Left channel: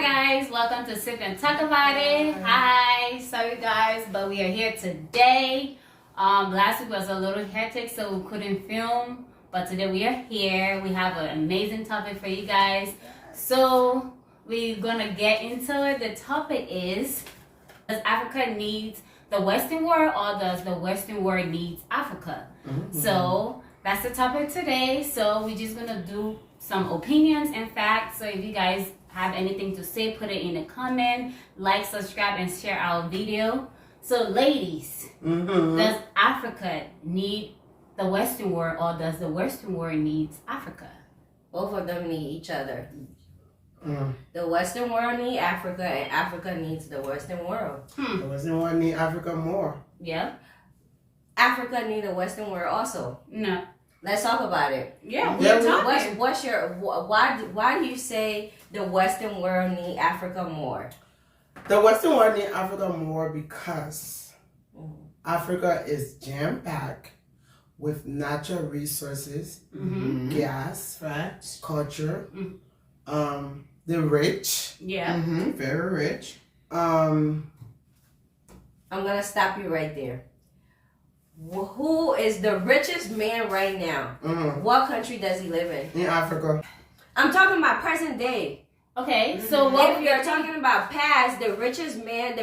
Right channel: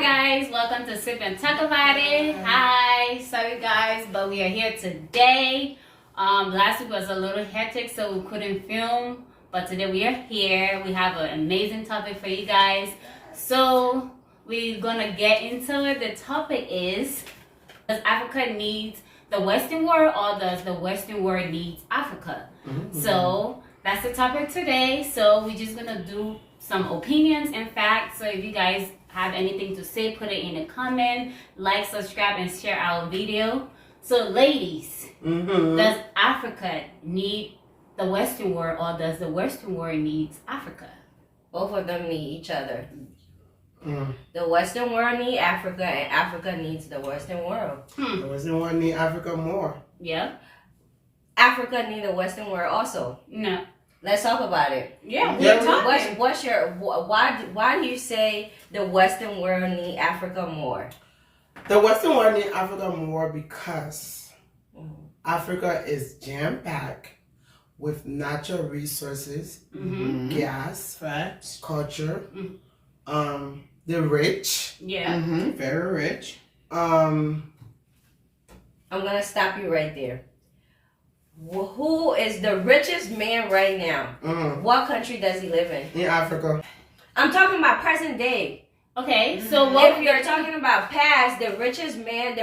Hi guys, welcome to Sip and Talk About It. Hi, sorry guys, but we are here today. Last week was a little hectic, so we couldn't film, but today we are here. We have an amazing topic for you guys, so we're gonna get into it. The topic is: does Africa need the Western world, or does the Western world need Africa? So that's the topic today. So we're just gonna do some opinions and facts. So if you guys have anything to say, put it in a comment, like, subscribe, and share our video. So ladies, does Africa need the Western world, or does the Western world need Africa? Both of them need each other. The Western world needs Africa, and Africa needs the Western world. The Western world need Africa more. Yeah. Africa needs the Western world also. No. Let's talk about it. Yeah, we're talking. What's your why do you say the Western world need Africa more? The Western world need Africa more because Africa is jam-packed with natural resources, gas, Facts. culture, the rich, Yeah. Very rich. I'm gonna stop you right there. Who is the richest man right now? What country does he live in? in Africa. I'm talking about present day. Okay, so what If you're talking about past, the richest man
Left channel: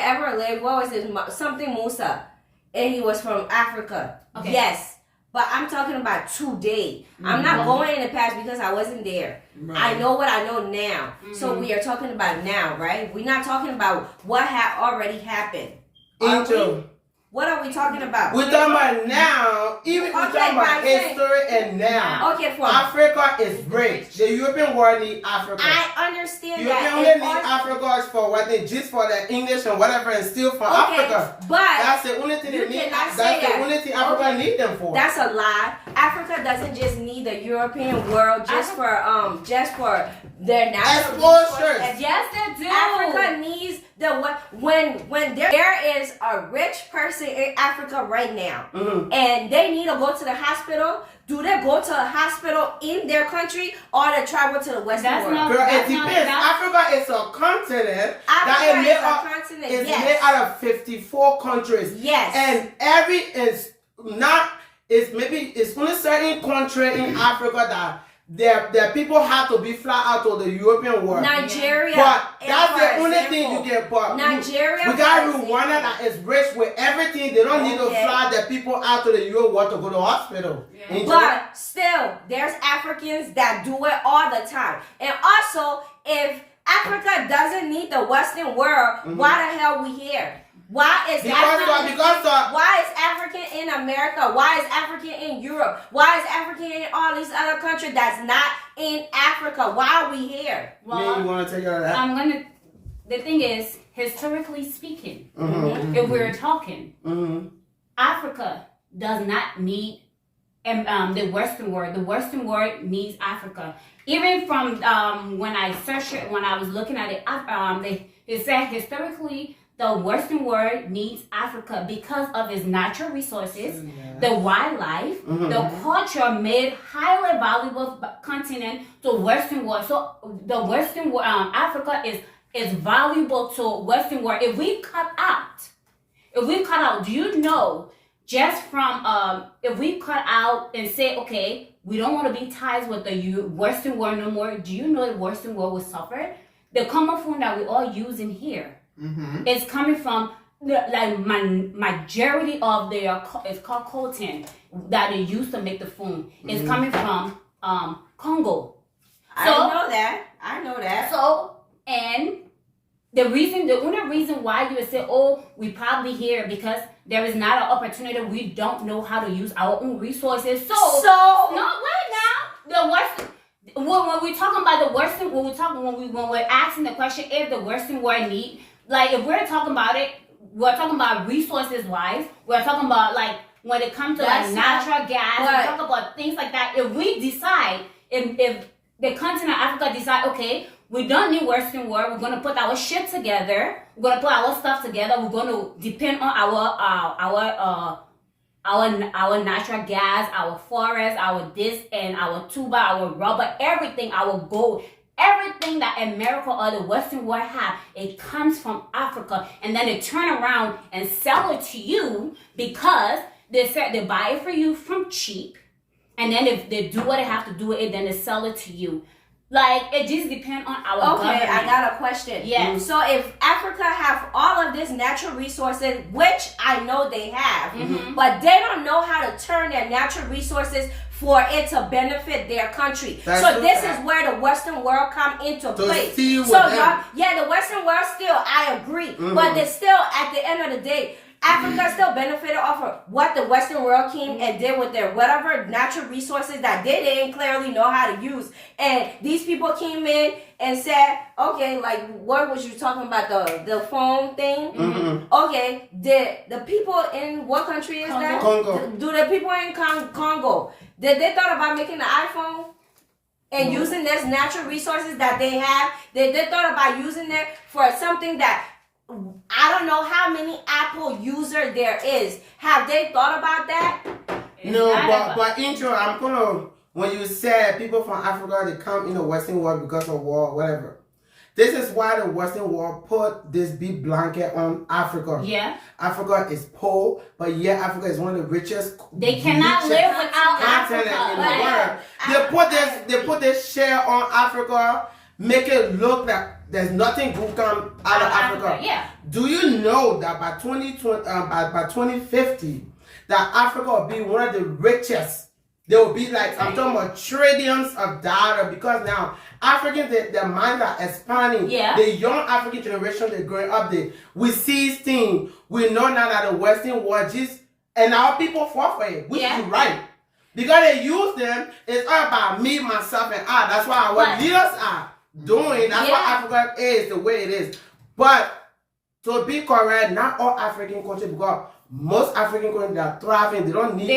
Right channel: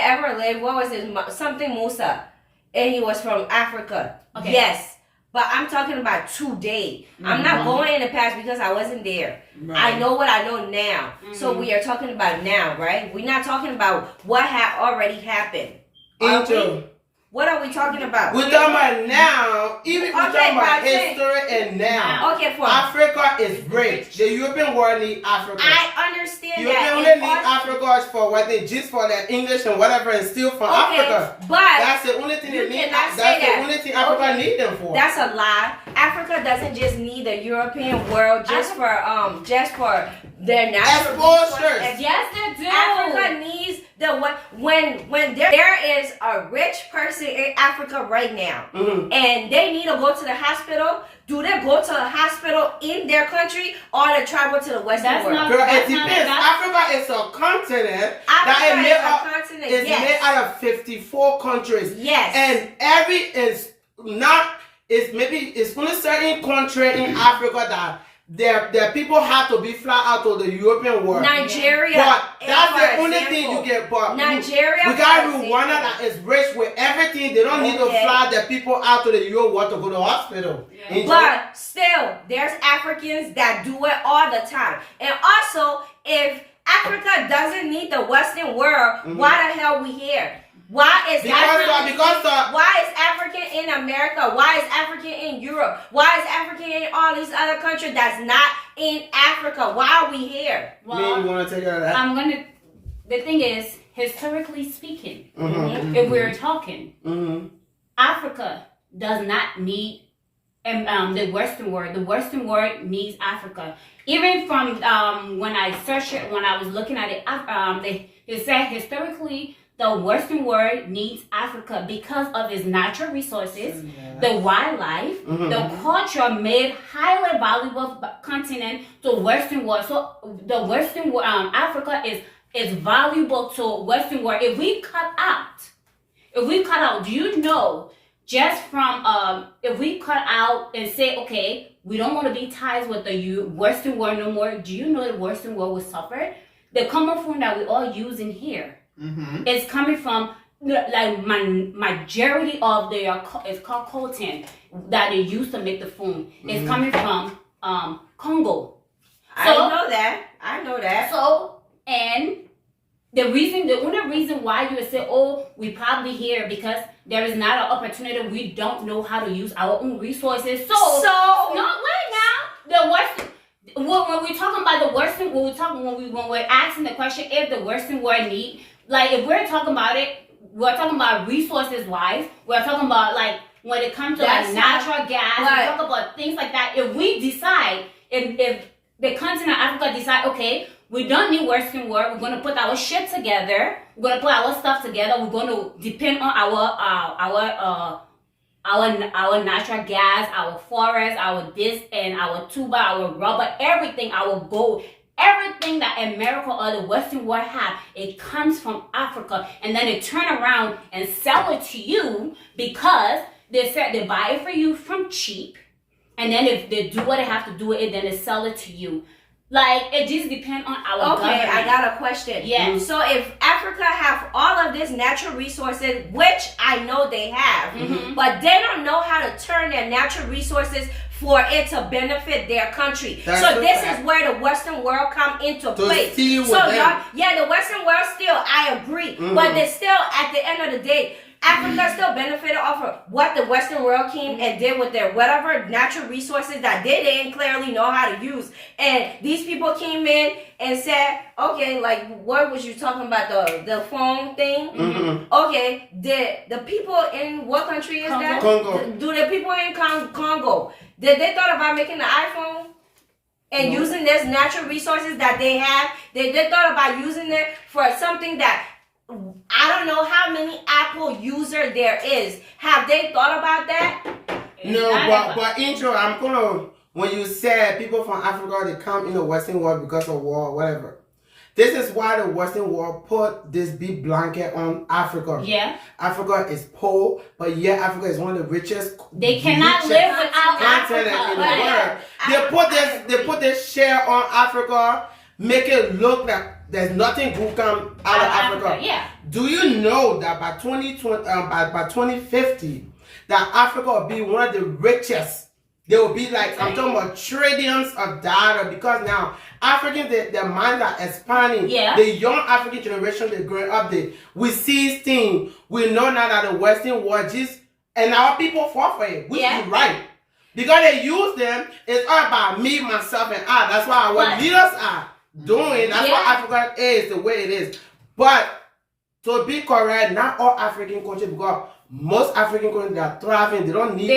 ever lived, what was his something Musa, and he was from Africa. Okay. Yes, but I'm talking about today. I'm not going in the past because I wasn't there. I know what I know now. So we are talking about now, right? We're not talking about what already happened. Are Angel. we? What are we talking about? We're talking about now, even we're talking about history and now. Okay, for Africa is rich. The European world need Africa. I understand You that. only need Africa for what they just for the English and whatever and steal from Africa. But That's the only thing you they need. cannot That's say the that. only thing Africa need them for. that's a lie. Africa doesn't just need the European world just for their natural Exposures. resources. Yes, they do. Africa needs when there is a rich person in Africa right now and they need to go to the hospital. Do they go to the hospital in their country or they travel to the Western That's world? not- Girl, it That's depends. Africa is a continent Africa that is a continent, it's yes. made out of 54 countries. Yes. And it's only certain country in Africa that their people have to be fly out to the European world. Nigeria. But is that's for the only example. thing you get. But Nigeria. we got for Rwanda example. that is rich with everything. They don't need to Okay. fly the people out to the Europe world to go to the hospital. Yeah. Enjoy. But still, there's Africans that do it all the time. And also, if Africa doesn't need the Western world, why the hell we here? Why is why is African in America? Why is African in Europe? Why is African in all these other countries that's not in Africa? Why are we here? Well, you want to take care of that? the thing is, historically speaking, Mm-hmm. if we're talking, Africa does not need the Western world. The Western world needs Africa. Even from when I searched it, when I was looking at it, it said historically the Western world needs Africa because of its natural resources, the wildlife, the culture made highly valuable continent to Western world. So the Western world, Africa is valuable to Western world. If we cut out, do you know? Just from if we cut out and say, okay, we don't want to be tied with the Western world no more. Do you know the Western world will suffer? The common food that we all use in here is coming from majority of it's called coltan that they use to make the food. It's coming from Congo. I know that. So and the only reason why you would say, oh, we probably here because there is not an opportunity. We don't know how to use our own resources. So no, wait now. The Western, when we're talking about the Western, when we're asking the question if the Western world need, like if we're talking about it, we're talking about resources wise. We're talking about like when it comes to like natural gas. We're talking about things like that. If we decide, if the continent of Africa decide, okay, we don't need Western world. We're going to put our shit together. We're going to put our stuff together. We're going to depend on our natural gas, our forest, our this and our tuba, our rubber, everything, our gold, everything that America or the Western world have, it comes from Africa, and then they turn around and sell it to you because they buy it for you from cheap, and then if they do what they have to do with it, then they sell it to you. Like, it just depends on our government. I got a question. Yeah. So if Africa have all of these natural resources, which I know they have, but they don't know how to turn their natural resources for it to benefit their country. So this is where the Western world come into play. The Western world still, I agree, but they still, at the end of the day, Africa still benefited off of what the Western world came and did with their whatever natural resources that they didn't clearly know how to use. And these people came in and said, okay, like what was you talking about, the phone thing? Okay, the people in what country is that? Congo. Do the people in Congo, did they thought about making the iPhone? And using this natural resources that they have, they thought about using it for something that I don't know how many Apple user there is. Have they thought about that? No, but intro, I'm gonna, when you said people from Africa, they come in the Western world because of war, whatever. This is why the Western world put this big blanket on Africa. Yeah. Africa is poor, but yet Africa is one of the richest. They cannot live without Africa in the world. They put this share on Africa, make it look like there's nothing good come out of Africa. Yeah. Do you know that by 2050, that Africa will be one of the richest? They will be like, I'm talking about trillions of dollars, because now Africans, their minds are expanding. Yeah. The young African generation, they're growing up there. We see things. We know now that the Western world just, and our people fall for it, which is right. Because they use them, it's all about me, myself, and I. That's why our leaders are doing. That's why Africa is the way it is. But to be correct, not all African countries, because most African countries are thriving. They don't need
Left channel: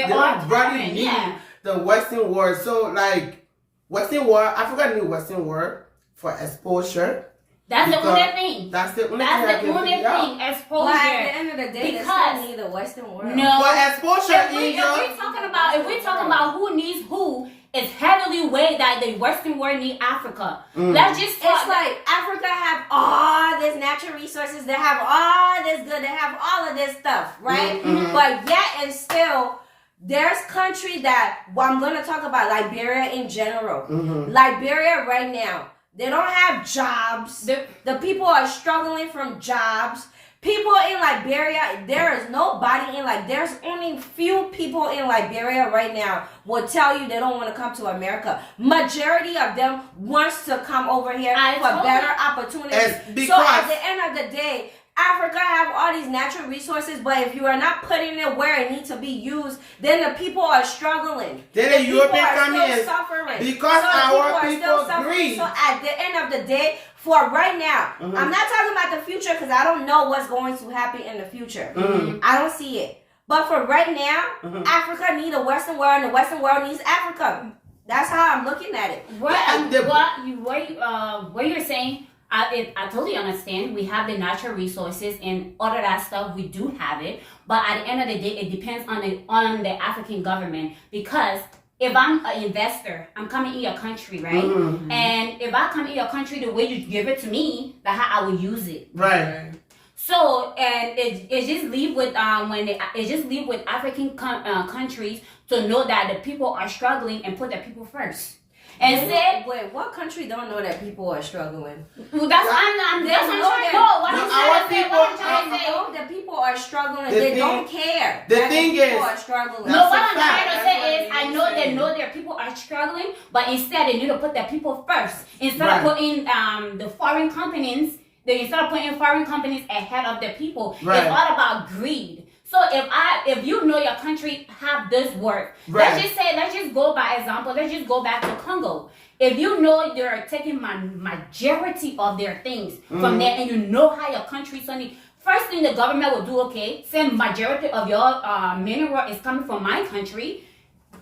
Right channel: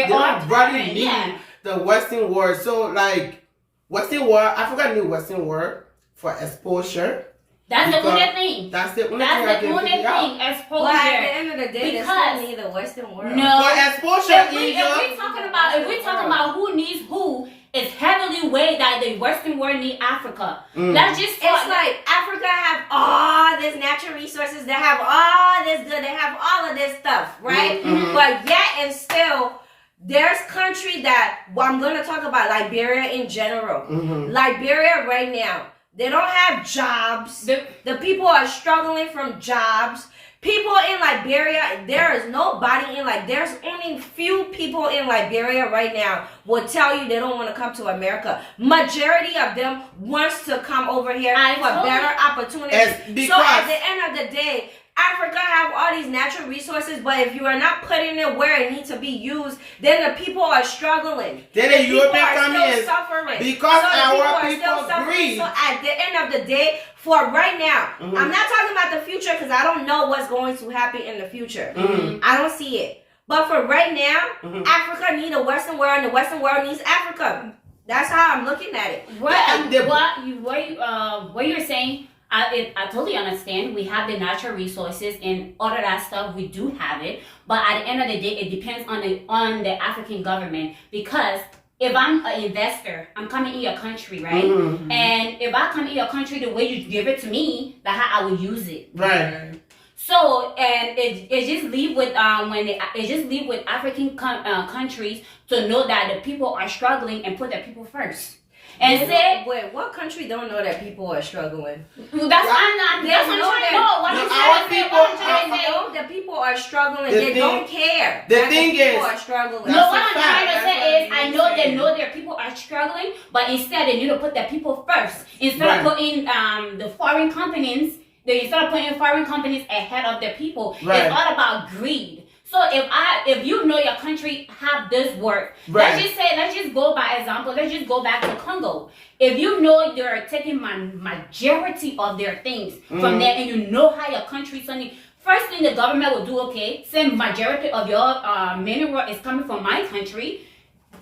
the Western world. So like Western world, Africa need Western world for exposure. That's the only thing. That's the only thing. Exposure. Well, at the end of the day, they still need the Western world. No. For exposure, if we're talking about who needs who, it's heavily weighed that the Western world need Africa. That's just it's like Africa have all this natural resources. They have all this good. They have all of this stuff, right? But yet and still, there's country that I'm gonna talk about Liberia in general. Liberia right now, they don't have jobs. The people are struggling from jobs. People in Liberia, there is nobody in there's only few people in Liberia right now will tell you they don't want to come to America. Majority of them wants to come over here for better opportunities. So at the end of the day, Africa have all these natural resources, but if you are not putting it where it needs to be used, then the people are struggling. Then the European countries suffering because our people greed. So at the end of the day, for right now, I'm not talking about the future because I don't know what's going to happen in the future. I don't see it. But for right now, Africa needs the Western world, and the Western world needs Africa. That's how I'm looking at it. What you're saying, I totally understand. We have the natural resources and all of that stuff. We do have it, but at the end of the day, it depends on the African government. Because if I'm an investor, I'm coming in your country, right? And if I come in your country, the way you give it to me, that's how I will use it. Right. So and it just leave with it just leave with African countries to know that the people are struggling and put the people first. And wait, what country don't know that people are struggling? That's what I'm trying to say. The people are struggling. They don't care. The thing is, people are struggling. No, what I'm trying to say is, I know they know their people are struggling, but instead they need to put their people first. Instead of putting the foreign companies, ahead of their people. It's all about greed. So if you know your country have this work, let's just go by example. Let's just go back to Congo. If you know they're taking majority of their things from there, and you know how your country suddenly, first thing the government will do, okay, say majority of your mineral is coming from my country.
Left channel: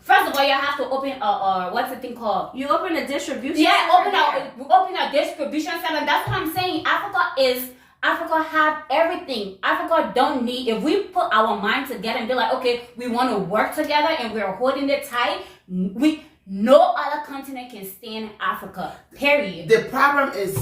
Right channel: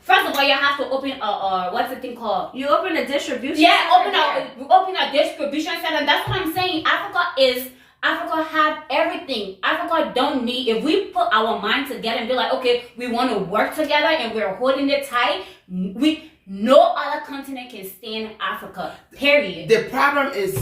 First of all, you have to open what's the thing called? You open a distribution. Yeah, open a distribution center. That's what I'm saying. Africa have everything. Africa don't need, if we put our mind together and be like, okay, we want to work together and we're holding it tight, No other continent can stand Africa. Period. The problem is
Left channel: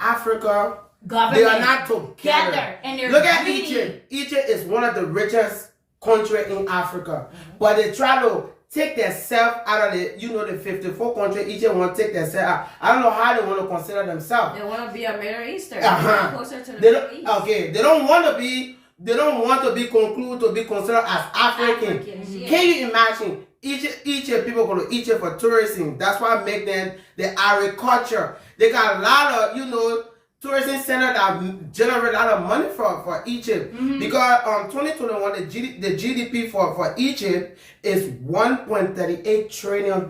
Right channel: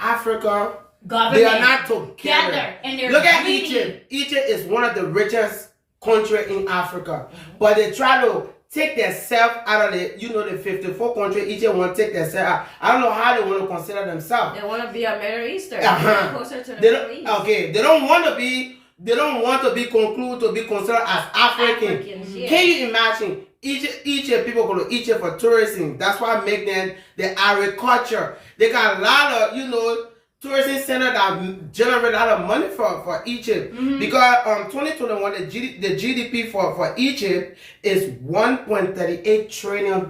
Africa. Government. They are not together. And they're Look at greedy. Egypt. Egypt is one of the richest countries in Africa, but they try to take themselves out of the, the 54 country. Egypt want to take themselves out. I don't know how they want to consider themselves. They want to be a Middle Eastern. Uh-huh. Closer to the They Middle East. don't, okay, they don't want to be. They don't want to be concluded to be considered as African. Africans, yeah. Can you imagine? Egypt people go to Egypt for tourism. That's why make them the agriculture. They got a lot of tourism center that generate a lot of money for Egypt. Because 2021 the GDP for Egypt is $1.38 trillion.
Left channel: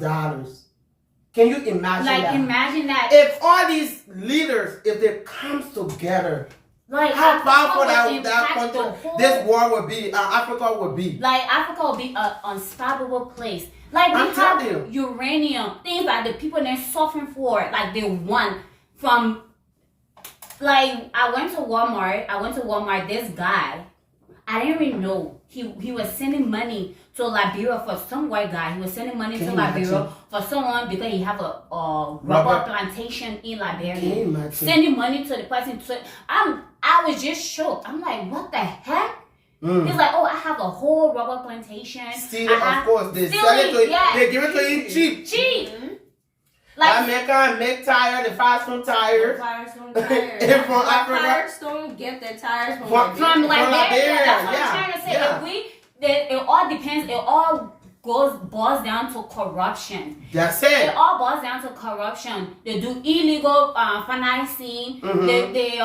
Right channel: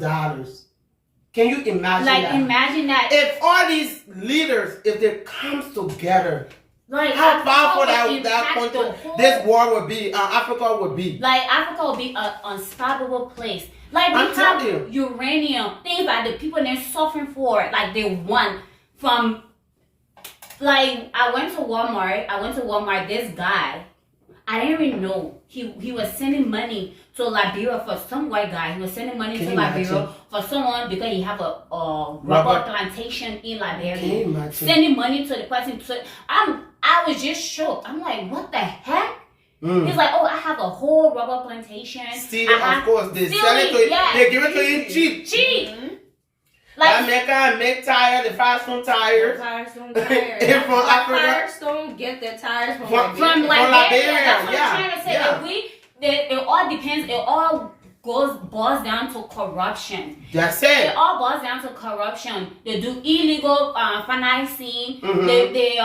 Can you imagine that? Imagine that. If all these leaders, if they comes together, how powerful that country, this world would be, Africa would be. Africa will be an unstoppable place. We have uranium, things like the people they're suffering for, they won from. I went to Walmart. This guy, I didn't even know he was sending money to Liberia for some white guy. He was sending money to Liberia for someone because he have a rubber plantation in Liberia. Sending money to the person. I was just shocked. I'm like, what the heck? He's like, oh, I have a whole rubber plantation. Of course, they sell it to you. Yeah. They give it to you cheap. Cheap. America make tires, the Firestone tires. Firestone tires. From Africa. Firestone get their tires from Liberia. That's what I'm trying to say. It all depends. It all boils down to corruption. That's it. It all boils down to corruption. They do illegal financing. They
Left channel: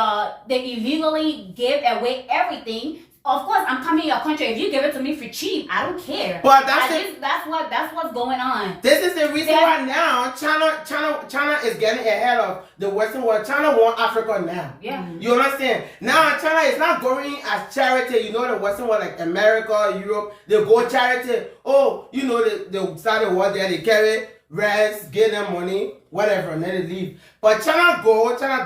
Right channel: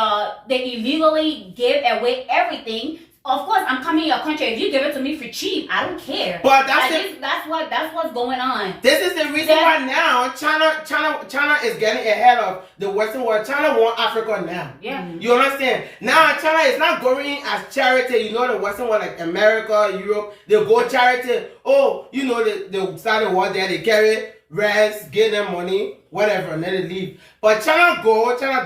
illegally give away everything. Of course, I'm coming to your country. If you give it to me for cheap, I don't care. But that's what's going on. This is the reason why now China is getting ahead of the Western world. China want Africa now. Yeah. You understand? Now China is not going as charity. The Western world like America, Europe, they go charity. Oh, they start a war there. They carry rest, give them money, whatever, and then they leave. But China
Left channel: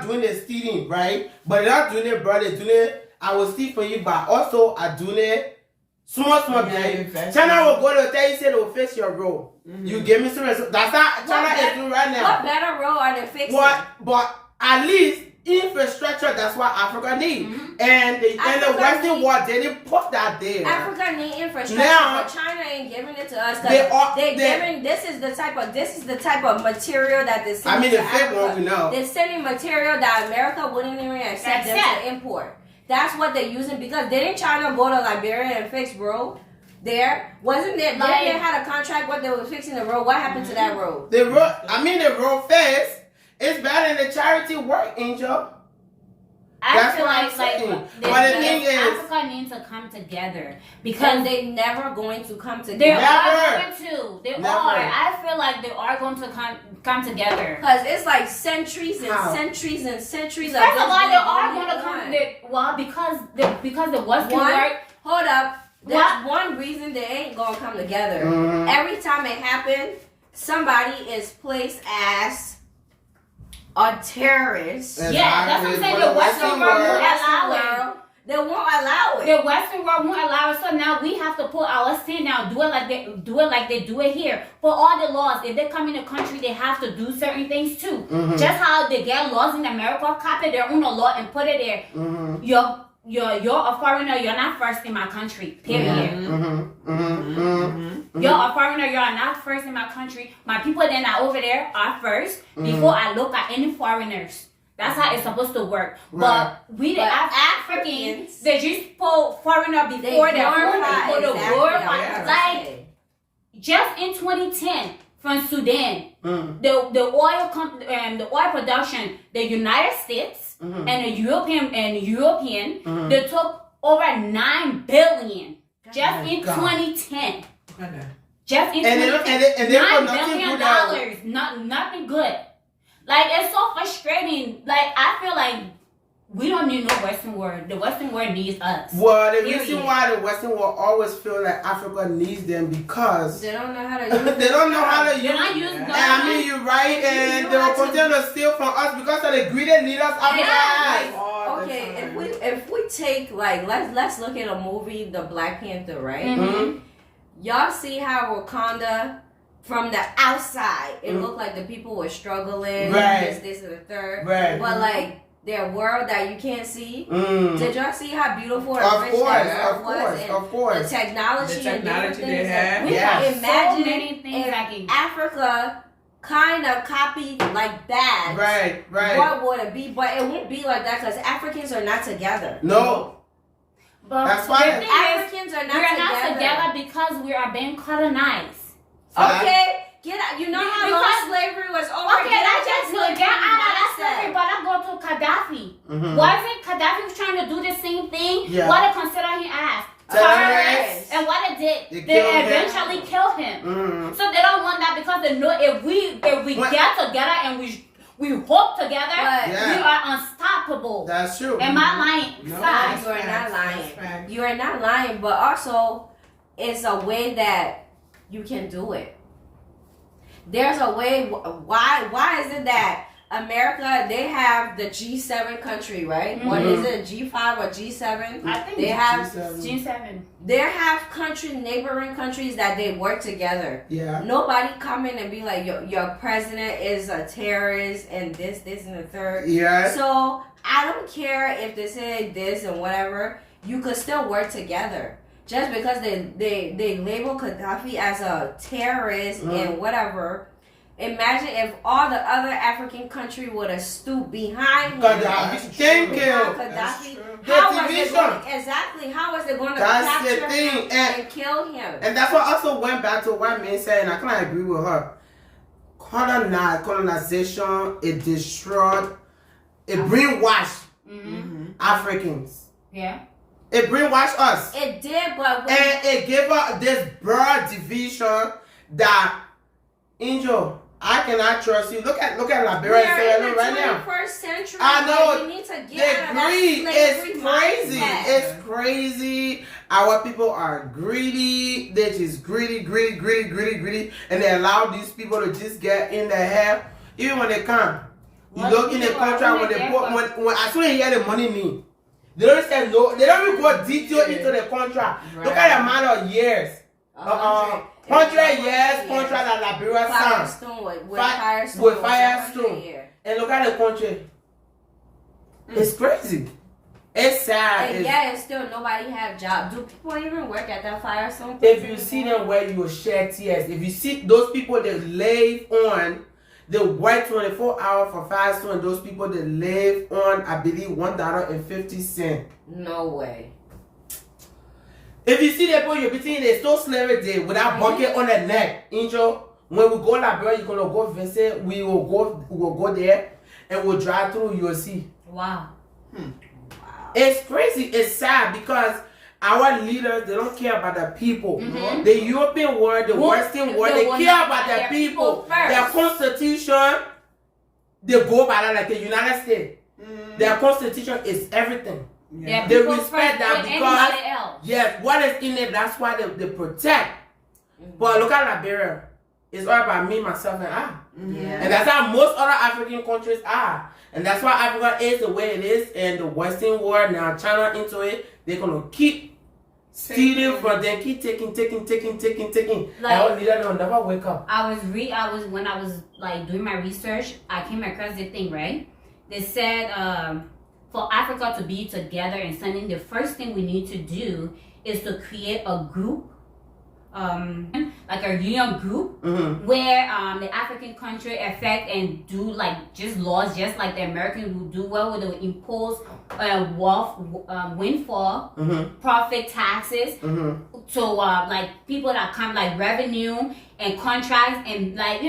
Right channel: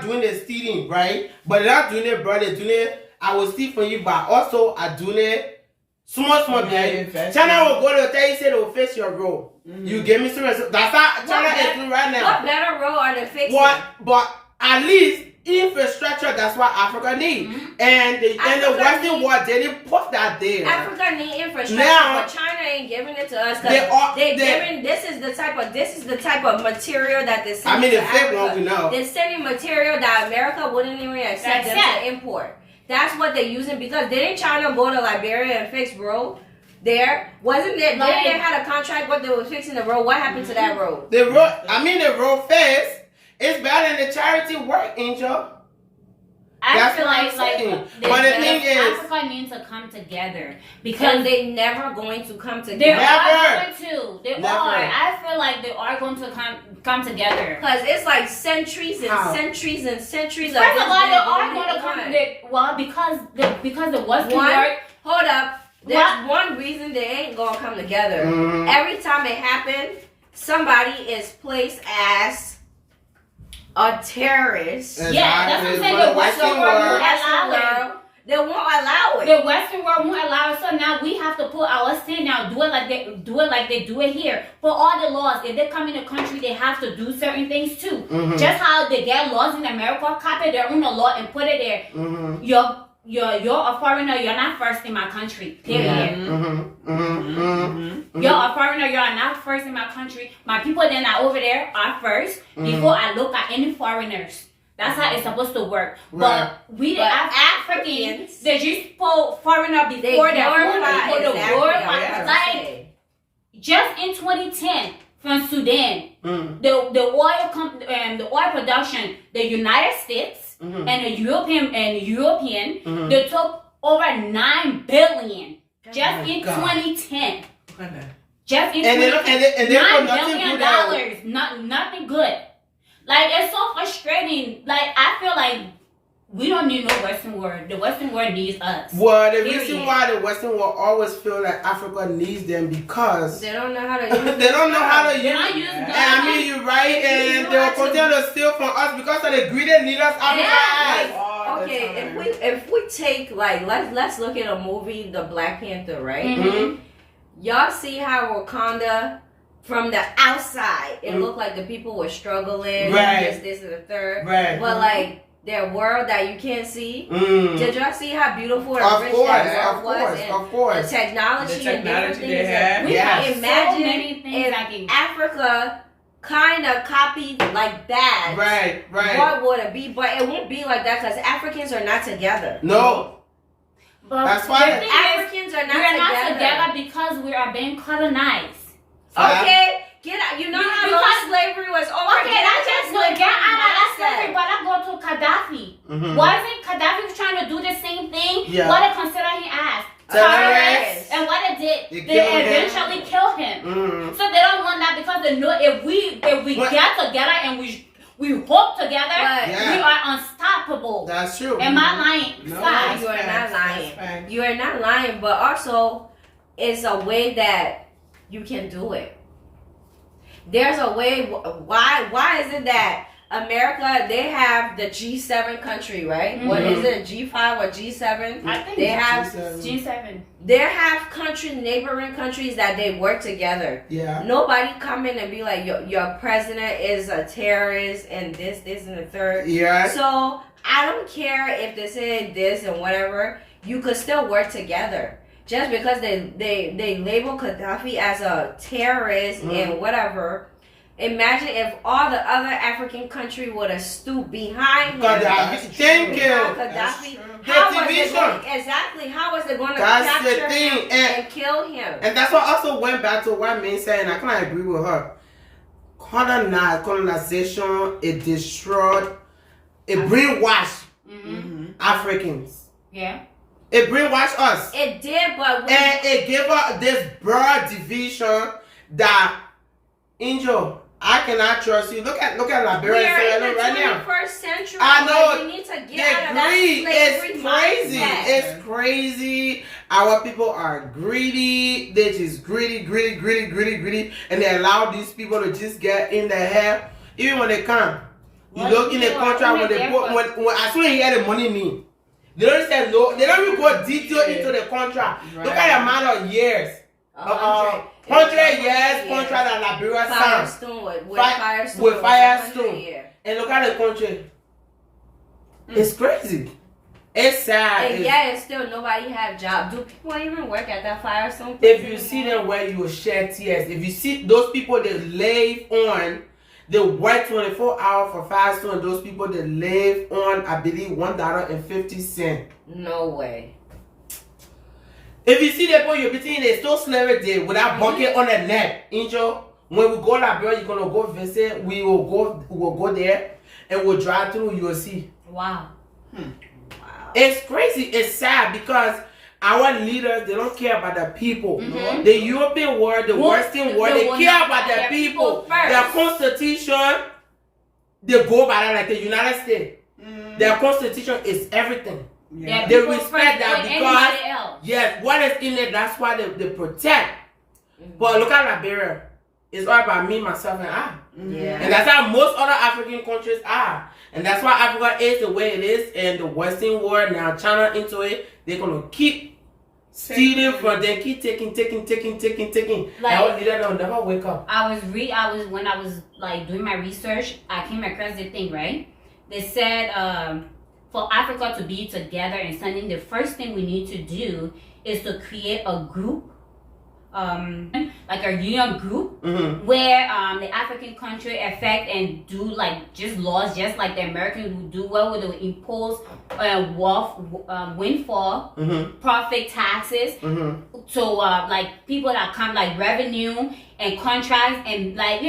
doing the stealing, right? But they're not doing it, bro. They're doing it. I will steal from you, but also I do it small bit. China will go to tell you, say they will fix your road. You give me some. That's how China is doing right now. What better road are they fixing? But at least infrastructure, that's what Africa needs. And the Western world, they didn't put that there. Africa need infrastructure, but China ain't giving it to us. This is the type of material that they're sending to Africa. They're sending material that America wouldn't even accept them to import. That's what they're using because didn't China go to Liberia and fix road there? Wasn't there? Didn't they had a contract what they were fixing the road? What happened to that road? The road fixed. It's better than the charity work, Angel. I feel like but the thing is, Africa needs to come together because they're never going to come together. They are going to. They are. I feel like they are going to come together because it's like centuries and centuries and centuries. First of all, they are going to come. Because the Western world. Hold up. There's one reason they ain't gonna come together. Every time it happens, somebody is placed as a terrorist. Yeah, that's what I'm saying. The Western world won't allow it. They won't allow it. The Western world won't allow it. So now we have to put our stand down, do it like they do it here. For all the laws, if they come in the country, they have to do certain things too. Just how they get laws in America, copy their own law and put it there. You're a foreigner. You're not first in my country. Period. You're a foreigner. You are not first in my country. My people that are over there are first before I look at any foreigners. That's how it's supposed to work. Right. But we the Africans, they just put foreigner before the foreigner. Like just in 2010 from Sudan, the oil production, the United States. And the European, they took over 9 billion just in 2010. Just in 2010, $9 billion, nothing good. It's so frustrating. I feel like we don't need no Western world. The Western world needs us. Well, the reason why the Western world always feel like Africa needs them because they don't know how to use it. They don't know how to use it. I mean, you're right, and they will continue to steal from us because of the greedy leaders outside. Okay, if we take let's look at a movie, The Black Panther, right? Y'all see how Wakanda from the outside, it looked like the people were struggling, Right. this, and the third. Right. But like their world that you can't see. Mm. Did y'all see how beautiful and Of rich course, that of world was? course, And of course. The technology, The technology and different they things have. We Yeah. have Imagine so many things if that can. Africa kind of copied like that. Right, right. What would it be? But it won't be like that because Africans are not together. No. But That's why- the thing is, Africans are not we are together. not together because we are being colonized. Okay, get out. You know how long Because- slavery was over. Okay, Get I out just that get out of that mindset. slavery, but I go to Gaddafi. Mhm. Wasn't Gaddafi trying to do the same thing? Yeah. What they consider him as? Terrorists. And what they did, They they killed him. eventually killed him. Mm. So they don't want that because they know if we What- get together and we hope together, But- Yeah. we are unstoppable. That's true. Am I lying? No, Guys, you are not That's lying. facts. You are not lying, but also it's a way that you can do it. There's a way. Why is it that America, they have the G7 country, right? What is it, G5 or G7? I think They have G7. they have neighboring countries that they work together. Yeah. Nobody come in and be like, your president is a terrorist and this, and the third. Yeah. So I don't care if they say this and whatever. You could still work together. Just because they label Gaddafi as a terrorist and whatever. Imagine if all the other African country would have stood behind him. Gaddafi. Thank you. That's Gaddafi. true. How The was it division. going, exactly? How was it going to That's the capture thing, him and kill him? And that's what also went back to what Min said, and I kind of agree with her. Colonization, it destroyed, it brainwashed Africans. Yeah. It brainwashed us. It did, but when And it gave us this broad division that, Angel, I cannot trust you. Look at Liberia we're and Sierra in the Leone right now. 21st century, I know. but you need to The get out of that greed slavery is crazy. mindset. It's crazy. Our people are greedy. They just greedy, and they allow these people to just get in their head. Even when they come, you What look in the people are contract when only they there put for- when as soon as you hear the money mean, they don't say no. They don't even go detail into the contract. Look at the amount of years. 100 years contract that Liberia signed. Firestone with Fi- Firestone. with was Firestone. 100 years. And look at the country. It's crazy. It's sad. And It's- yeah, still nobody have job. Do people even work at that Firestone? If place you see anymore? them where you will shed tears. If you see those people that live on, they work 24 hours for Firestone. Those people that live on, I believe, $1.50. No way. If you see the people you're beating, they still slavery day with that bucket on the neck. Angel, when we go to Liberia, you're gonna go visit. We will go there and we'll drive through. You will see. Wow. Wow. It's crazy. It's sad because our leaders, they don't care about the people. Mhm. The European world, the Well, Western world, they they will care not about buy the their people. people first. Their constitution, they go by that like the United States. Their constitution is everything. Yeah, They people respect first that than because- anybody else. Yes, what is in it, that's why they protect. But look at Liberia. It's all about me, myself, and I. Yeah. And that's how most other African countries are. And that's why Africa is the way it is. And the Western world, now China into it, they're going to keep stealing from them, keep taking. And our leader will never wake up. When I was like doing my research, I came across the thing, right? They said for Africa to be together and something, the first thing we need to do is to create a group, like a union group, where the African country affect and do like just laws, just like the Americans would do, where would they impose windfall, profit taxes, so like people that come like revenue and contracts and like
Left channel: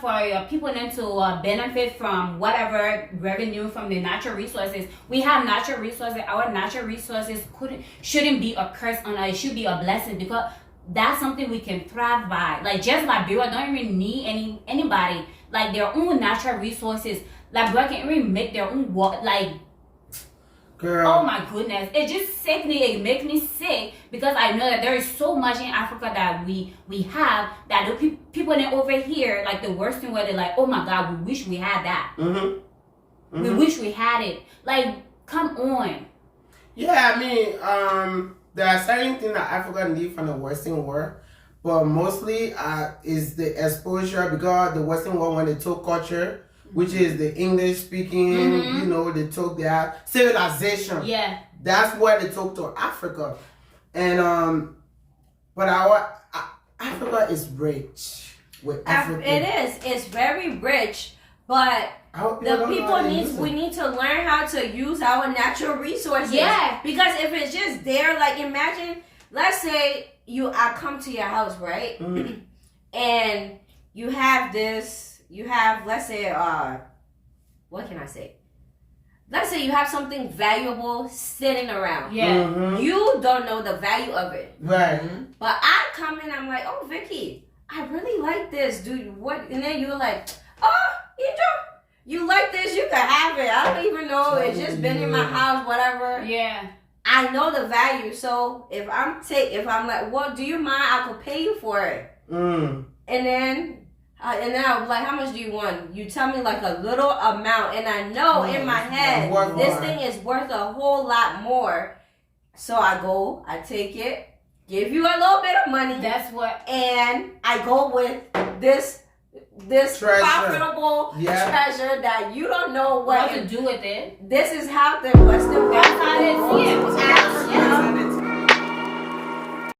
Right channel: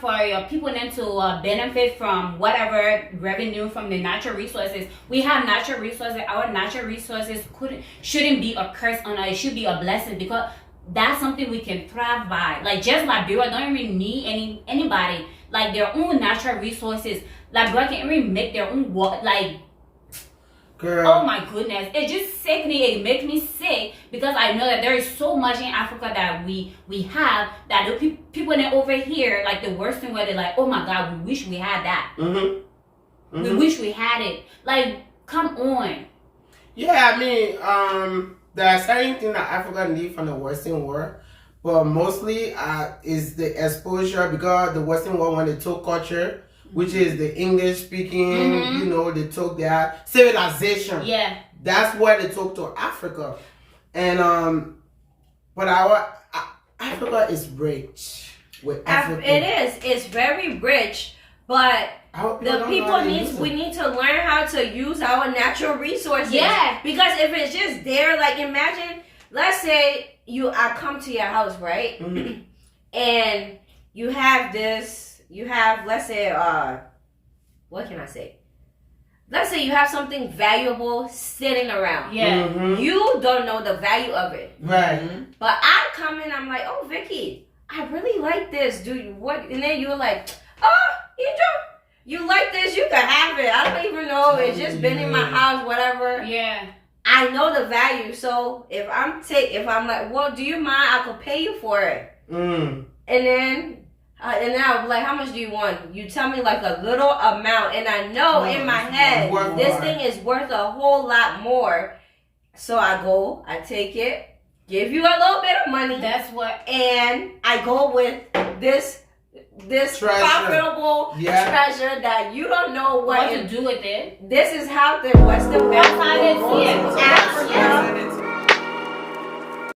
for your people then to benefit from whatever revenue from the natural resources. We have natural resources. Our natural resources shouldn't be a curse on us. It should be a blessing because that's something we can thrive by. Like just Liberia don't even need anybody. Like their own natural resources. Liberia can even make their own Girl. Oh my goodness, it just sick me. It makes me sick because I know that there is so much in Africa that we have that the people over here, like the worst thing where they're like, oh my God, we wish we had that. We wish we had it. Like, come on. Yeah, I mean, there are certain things that Africa needs from the Western world, but mostly is the exposure because the Western world when they took culture, which is the English speaking, you know, they took their civilization. Yeah. That's where they took to Africa, and but Africa is rich with Africa. It is. It's very rich, but the people we need to learn how to use our natural resources. Yeah. Because if it's just there, like imagine, let's say I come to your house, right? And you have let's say what can I say? Let's say you have something valuable sitting around. Yeah. You don't know the value of it. Right. But I come in, I'm like, oh Vicky, I really like this. Do you what? And then you're like, oh, you like this, you can have it. I don't even know. It's just been in my house, whatever. Yeah. I know the value. So if I'm like, well, do you mind? I could pay you for it. And then I'm like, how much do you want? You tell me like a little amount, and I know in my head this thing is worth a whole lot more. So I go, I take it, give you a little bit of money. That's what. And I go with this treasure. profitable treasure that you don't know What to do with it. This is how the Western world That's how they see it. Africa.